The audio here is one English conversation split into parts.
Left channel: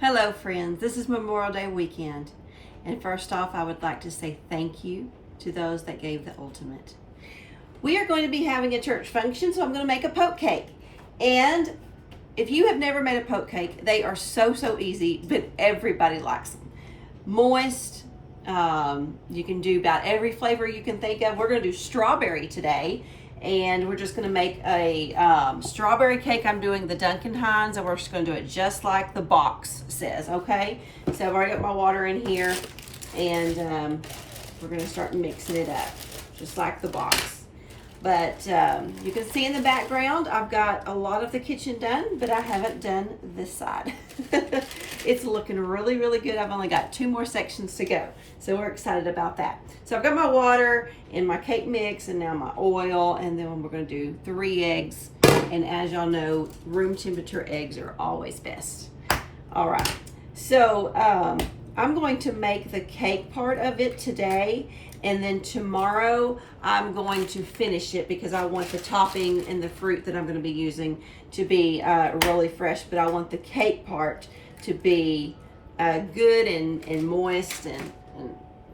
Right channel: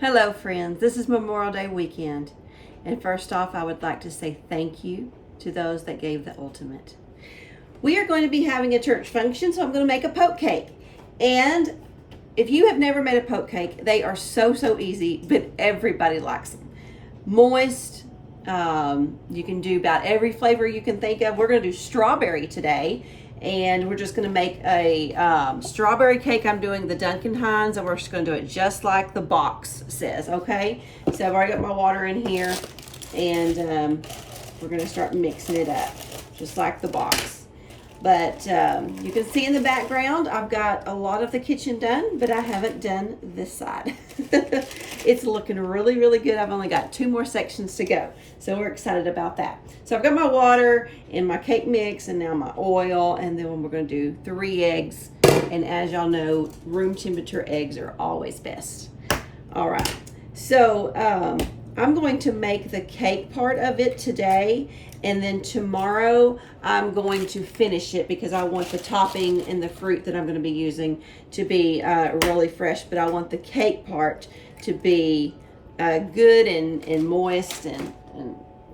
Hello friends, this is Memorial Day weekend, and first off I would like to say thank you to those that gave the ultimate. We are going to be having a church function, so I'm going to make a poke cake. And if you have never made a poke cake, they are so easy, but everybody likes them. Moist, you can do about every flavor you can think of. We're going to do strawberry today. And we're just going to make a strawberry cake. I'm doing the Duncan Hines, and we're just going to do it just like the box says, okay? So I've already got my water in here, and we're going to start mixing it up, just like the box. But you can see in the background, I've got a lot of the kitchen done, but I haven't done this side. It's looking really good. I've only got 2 more sections to go, so we're excited about that. So I've got my water and my cake mix and now my oil, and then we're going to do 3 eggs. And as y'all know, room temperature eggs are always best. All right, so I'm going to make the cake part of it today, and then tomorrow I'm going to finish it because I want the topping and the fruit that I'm going to be using to be really fresh, but I want the cake part to be good and moist, and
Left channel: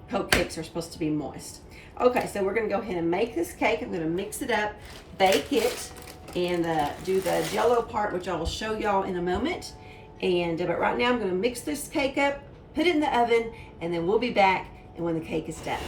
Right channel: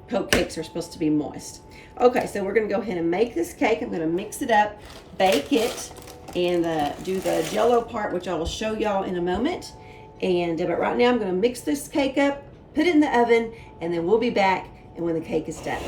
poke cakes are supposed to be moist. Okay, so we're going to go ahead and make this cake. I'm going to mix it up, bake it, and do the jello part, which I will show y'all in a moment. And but right now I'm going to mix this cake up, put it in the oven, and then we'll be back and when the cake is done.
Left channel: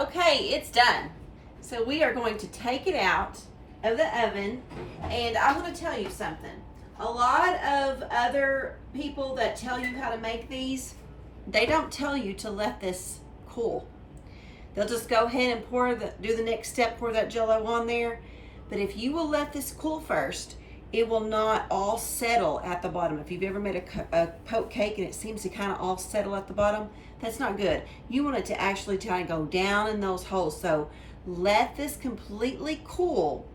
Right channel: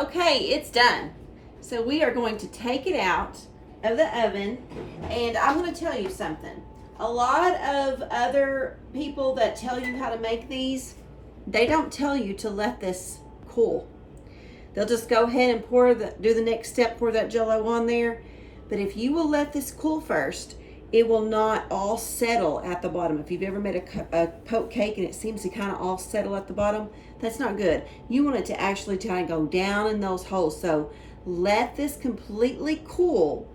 Okay, it's done. So we are going to take it out of the oven, and I'm going to tell you something. A lot of other people that tell you how to make these, they don't tell you to let this cool. They'll just go ahead and do the next step, pour that jello on there. But if you will let this cool first, it will not all settle at the bottom. If you've ever made a poke cake and it seems to kind of all settle at the bottom, that's not good. You want it to actually try to go down in those holes. So let this completely cool,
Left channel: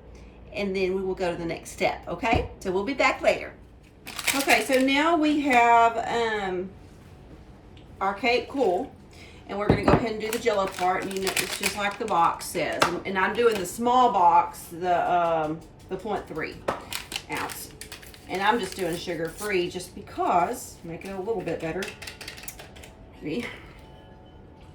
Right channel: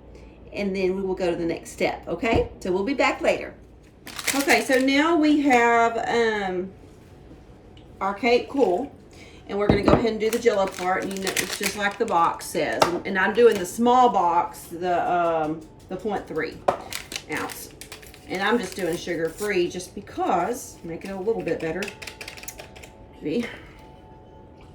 and then we will go to the next step, okay? So we'll be back later. Okay, so now we have our cake cool, and we're gonna go ahead and do the jello part, and you know, it's just like the box says. And I'm doing the small box, the 0.3 ounce, and I'm just doing sugar free just because, make it a little bit better. See?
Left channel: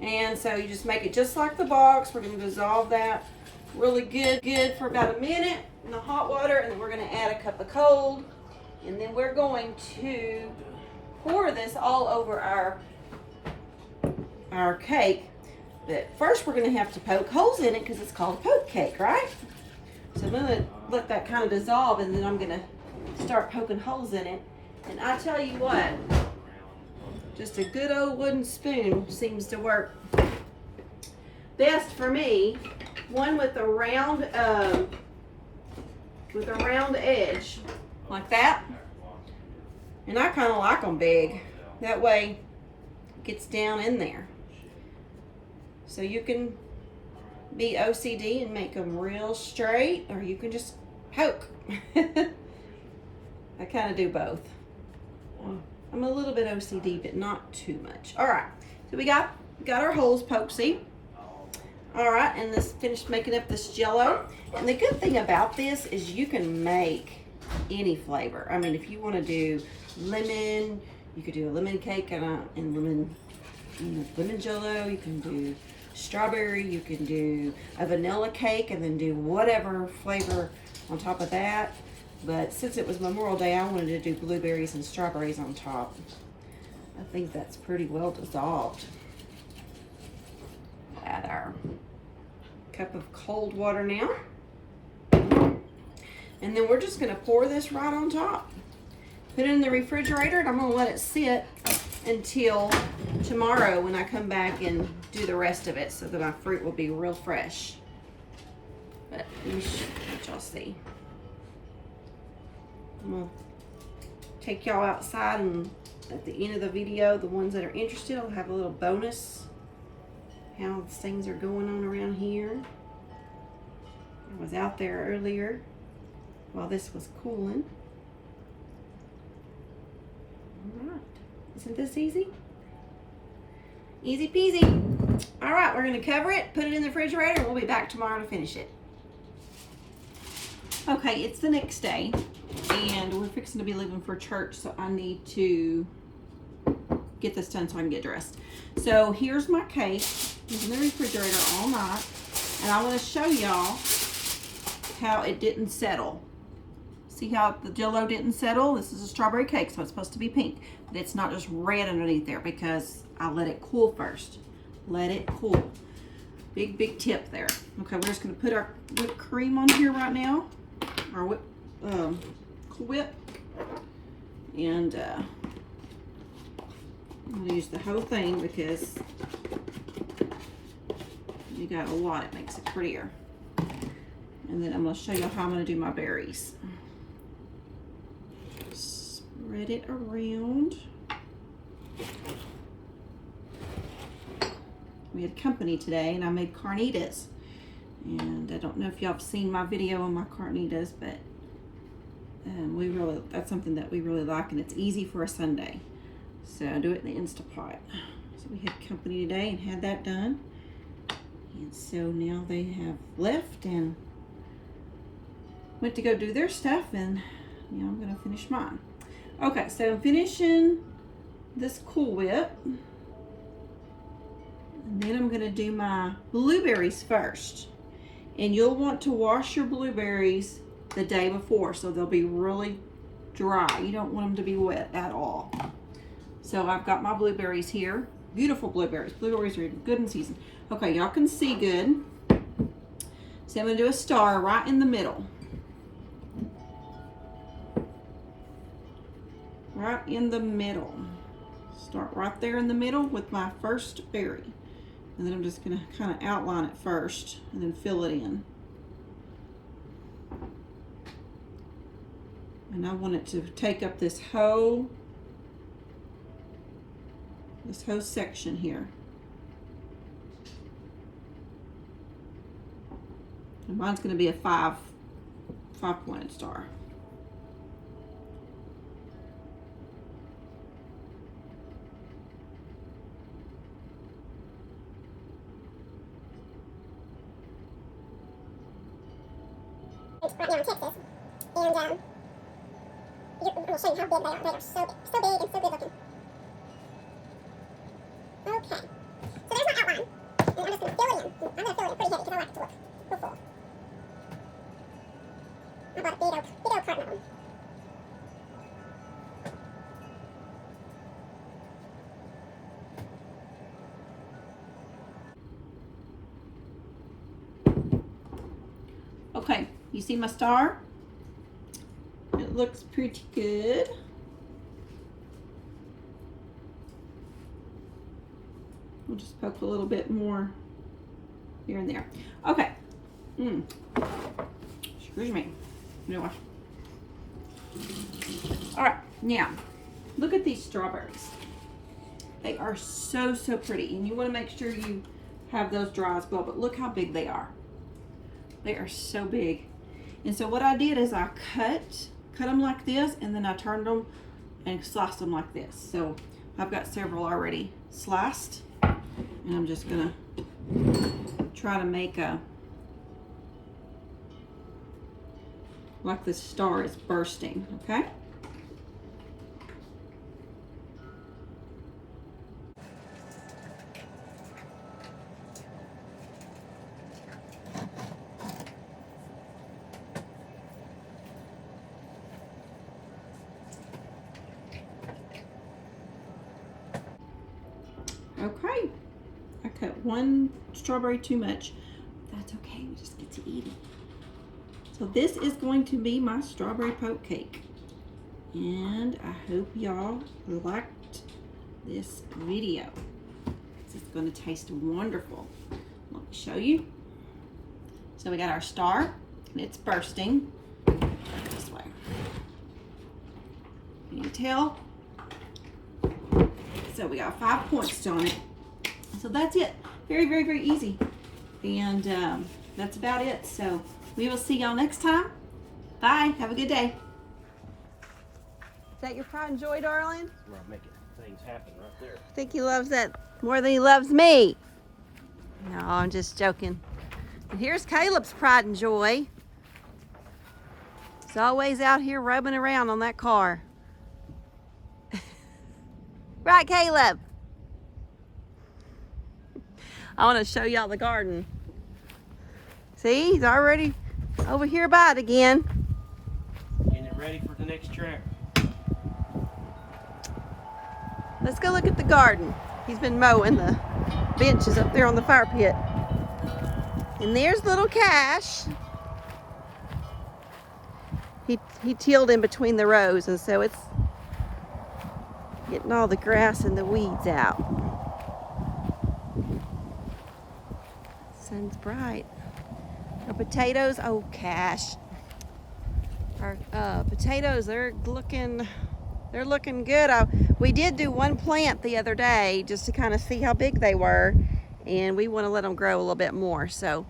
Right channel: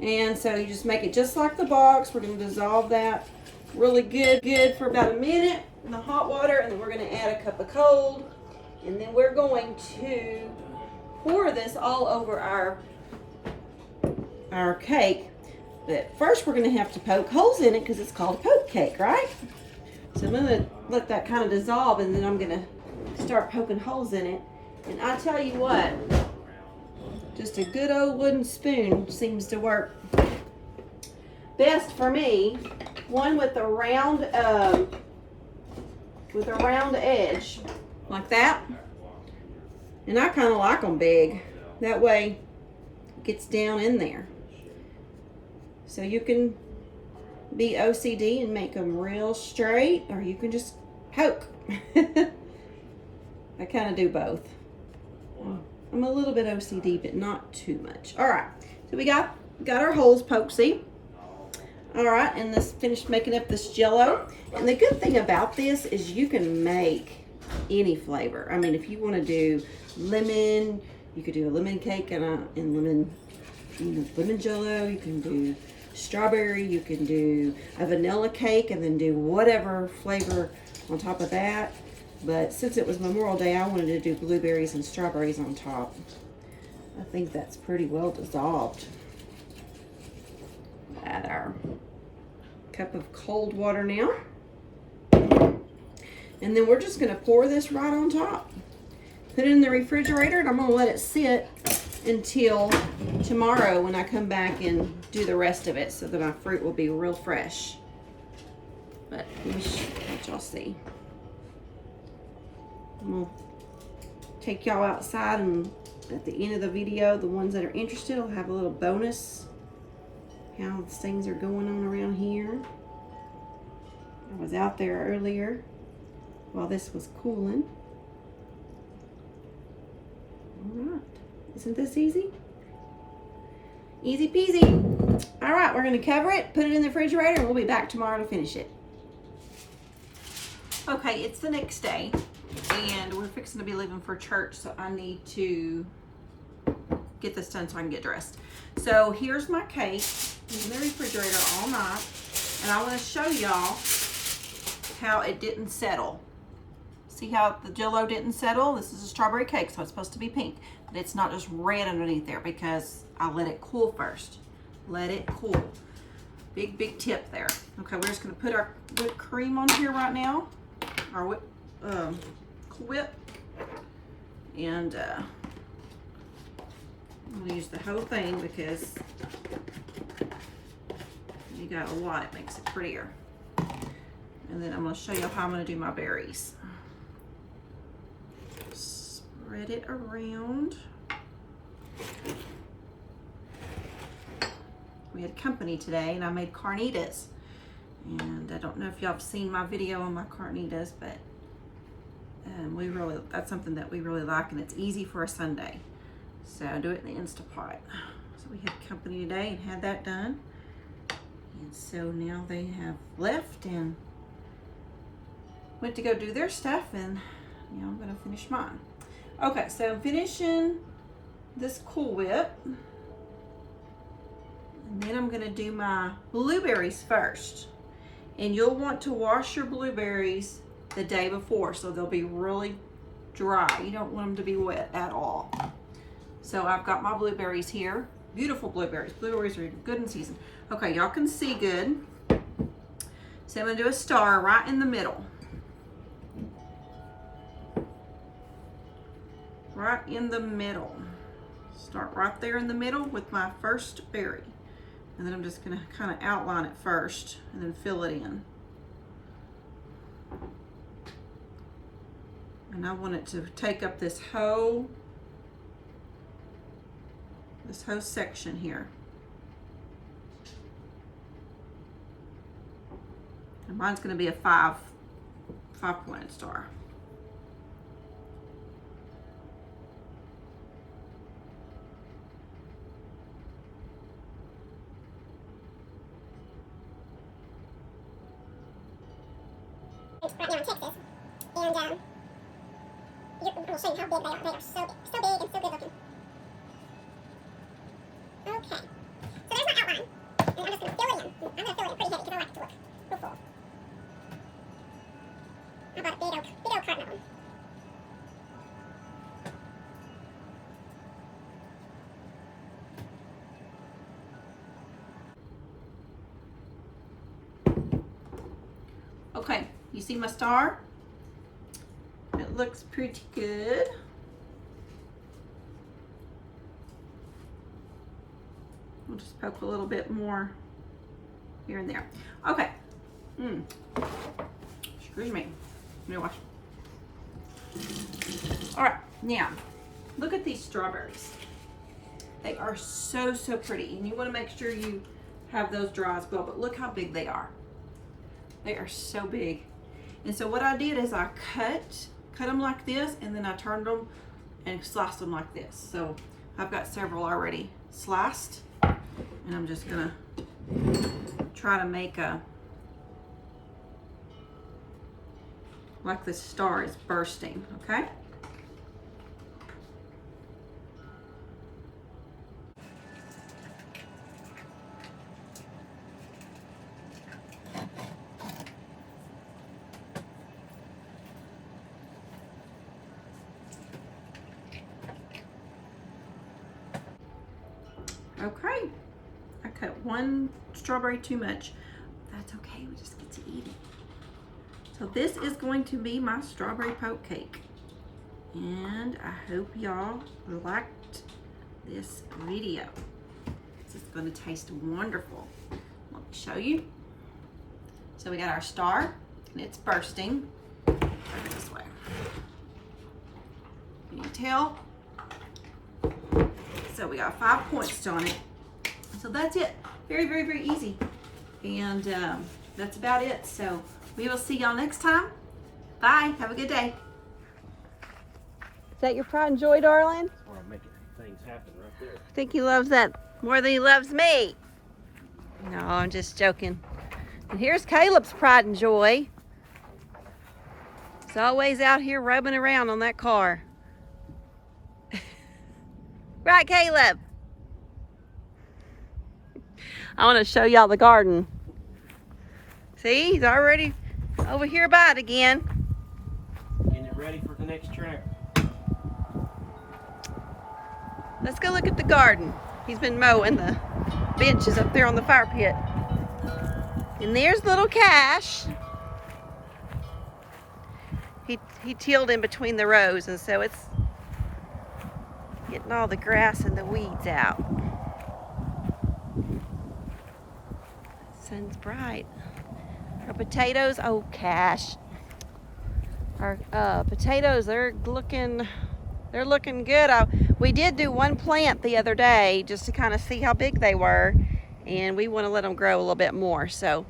And so you just make it just like the box. We're going to dissolve that really good for about a minute in the hot water, and then we're going to add a cup of cold, and then we're going to pour this all over our cake. But first we're going to have to poke holes in it because it's called a poke cake, right? So I'm going to let that kind of dissolve, and then I'm going to start poking holes in it. And I tell you what, just a good old wooden spoon seems to work best for me. One with a round edge like that. And I kind of like them big. That way it gets down in there. So you can be OCD and make them real straight, or you can just poke. I kind of do both. I'm a little bit OCD, but not too much. All right, so we got our holes poked, see? All right, and this finished making up this jello. And the good thing about this is you can make any flavor. I mean, if you want to do lemon, you could do a lemon cake and lemon jello. You can do strawberry, you can do a vanilla cake, and then do whatever flavor on top of that. But since it was Memorial Day, I wanted to do blueberries and strawberries on top. I think that's pretty well dissolved. Add our cup of cold water now. And then we're just gonna pour this right on top. Put it in the refrigerator, and I'm gonna let it sit until tomorrow when I come back and do the rest of it, so that my fruit will be real fresh. But let me let y'all see. I'm gonna take y'all outside, and at the end of the video, the ones that are interested will have a little bonus, how things are going on around here. I was out there earlier while this was cooling. All right, isn't this easy? Easy peasy. All right, we're gonna cover it, put it in the refrigerator, and we'll be back tomorrow to finish it. Okay, it's the next day, and we're fixing to be leaving for church, so I need to get this done so I can get dressed. So here's my cake. It's in the refrigerator all night, and I want to show y'all how it didn't settle. See how the Jell-O didn't settle? This is a strawberry cake, so it's supposed to be pink, but it's not just red underneath there because I let it cool first. Let it cool. Big tip there. Okay, we're just gonna put our whipped cream on here right now. Our Cool Whip. And we'll use the whole thing because you got a lot, it makes it prettier. And then I'm gonna show you how I'm gonna do my berries. Spread it around. We had company today, and I made carnitas. And I don't know if y'all have seen my video on my carnitas, but that's something that we really like, and it's easy for a Sunday. So I do it in the Instapot. So we had company today and had that done. And so now they have left and went to go do their stuff, and now I'm gonna finish mine. Okay, so I'm finishing this Cool Whip. And then I'm gonna do my blueberries first. And you'll want to wash your blueberries the day before, so they'll be really dry. You don't want them to be wet at all. So I've got my blueberries here. Beautiful blueberries. Blueberries are good in season. Okay, y'all can see good. So I'm gonna do a star right in the middle. Right in the middle. Start right there in the middle with my first berry. And then I'm just gonna kind of outline it first and then fill it in. And I want it to take up this whole section here. And mine's gonna be a five-pointed star. Right now in Texas, and we'll show you how big they are. They are so big and so good looking. Okay, so there's my outline, and I'm just going to fill it in. I'm going to fill it in pretty heavy because I like it to look real full. I bought a big old carton of them. Okay, you see my star? It looks pretty good. We'll just poke a little bit more here and there. Okay. Excuse me. Anyway. All right, now look at these strawberries. They are so pretty, and you want to make sure you have those dry as well, but look how big they are. They are so big. And so what I did is I cut them like this, and then I turned them and sliced them like this. So I've got several already sliced, and I'm just gonna try to make like this star is bursting, okay? Okay, I cut one strawberry too much. that's okay. We just get to eat it. So this is going to be my strawberry poke cake. And I hope y'all liked this video. This is going to taste wonderful. Let me show you. So we got our star, and it's bursting this way. Can you tell? So we got 5 points on it. So that's it. Very, very, very easy. And that's about it. So we will see y'all next time. Bye. Have a good day. Is that your pride and joy, darling? We're making things happen right there. I think he loves that more than he loves me. No, I'm just joking. And here's Caleb's pride and joy. He's always out here rubbing around on that car. Right, Caleb? I want to show y'all the garden. See, he's already over here by it again. Getting it ready for the next trip. Let's go look at the garden. He's been mowing the benches up there on the fire pit. And there's little Cash. He tilled in between the rows, and so it's getting all the grass and the weeds out. Sun's bright. Our potatoes, oh Cash. Our potatoes, they're looking good. We did do one plant the other day just to kind of see how big they were, and we want to let them grow a little bit more. So,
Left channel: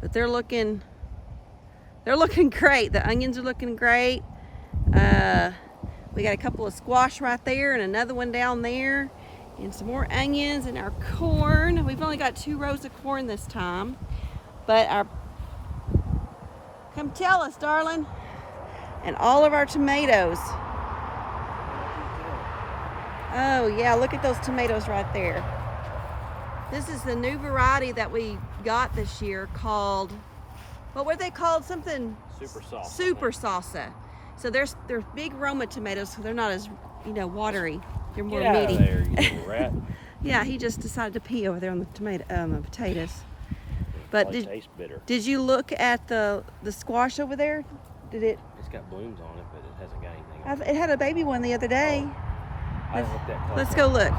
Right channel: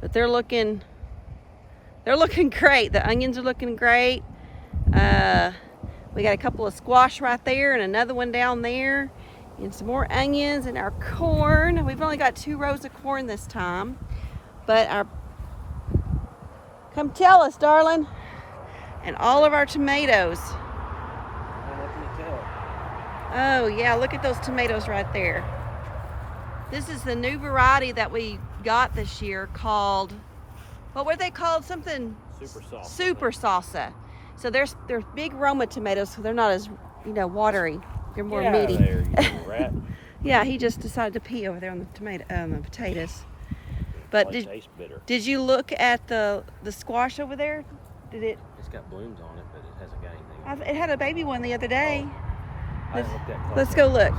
but they're looking great. The onions are looking great. We got a couple of squash right there and another one down there, and some more onions and our corn. We've only got 2 rows of corn this time, but come tell us, darling. And all of our tomatoes. Oh yeah, look at those tomatoes right there. This is the new variety that we got this year called, what were they called? Something? Super salsa. Super salsa. So they're big Roma tomatoes, so they're not as, watery. They're more meaty. There, you little rat. Yeah, he just decided to pee over there on the potatoes. But Tastes bitter. did you look at the squash over there? Did it? It's got blooms on it, but it hasn't got anything on it. It had a baby one the other day. I looked that close. Let's go look.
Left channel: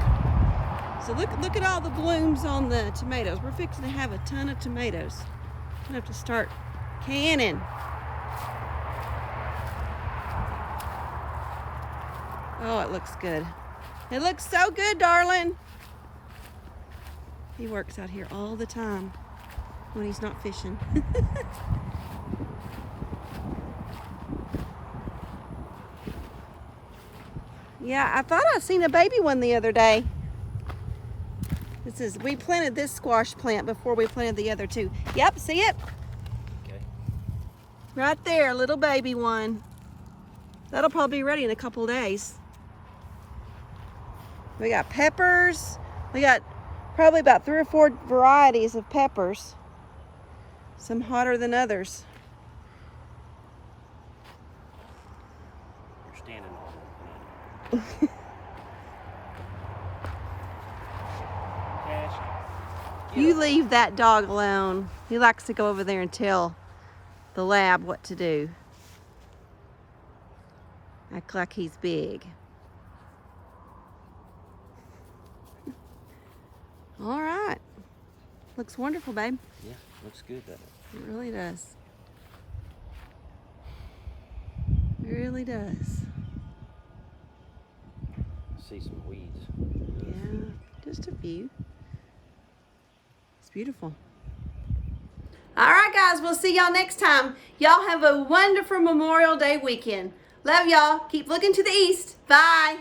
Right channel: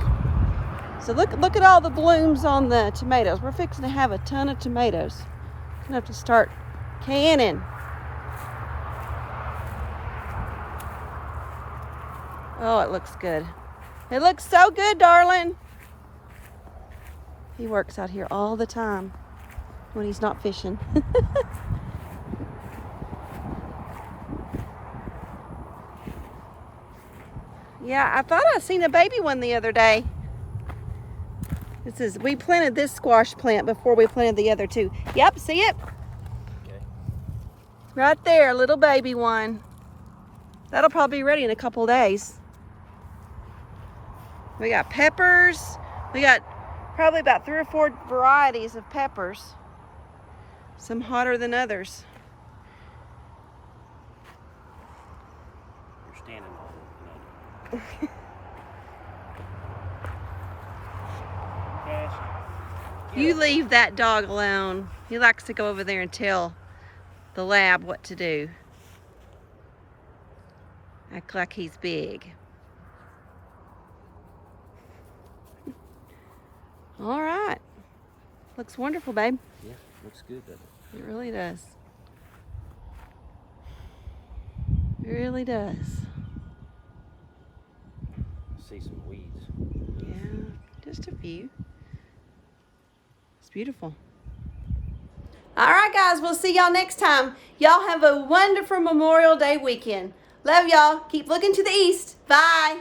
So look at all the blooms on the tomatoes. We're fixing to have a ton of tomatoes. We're gonna have to start canning. Oh, it looks good. It looks so good, darling. He works out here all the time when he's not fishing. Yeah, I thought I seen a baby one the other day. We planted this squash plant before we planted the other 2. Yep, see it? Okay. Right there, little baby one. That'll probably be ready in a couple days. We got peppers. We got probably about 3 or 4 varieties of peppers. Some hotter than others. You're standing on an onion. Cash. You leave that dog alone. He likes to go over there and tell the lab what to do. Act like he's big. All right. Looks wonderful, babe. Yeah, looks good, doesn't it? It really does. It really does. See some weeds. Yeah, just a few. It's beautiful. All right, guys. We'll see y'all next time. Y'all have a wonderful Memorial Day weekend. Love y'all. Keep looking to the east. Bye.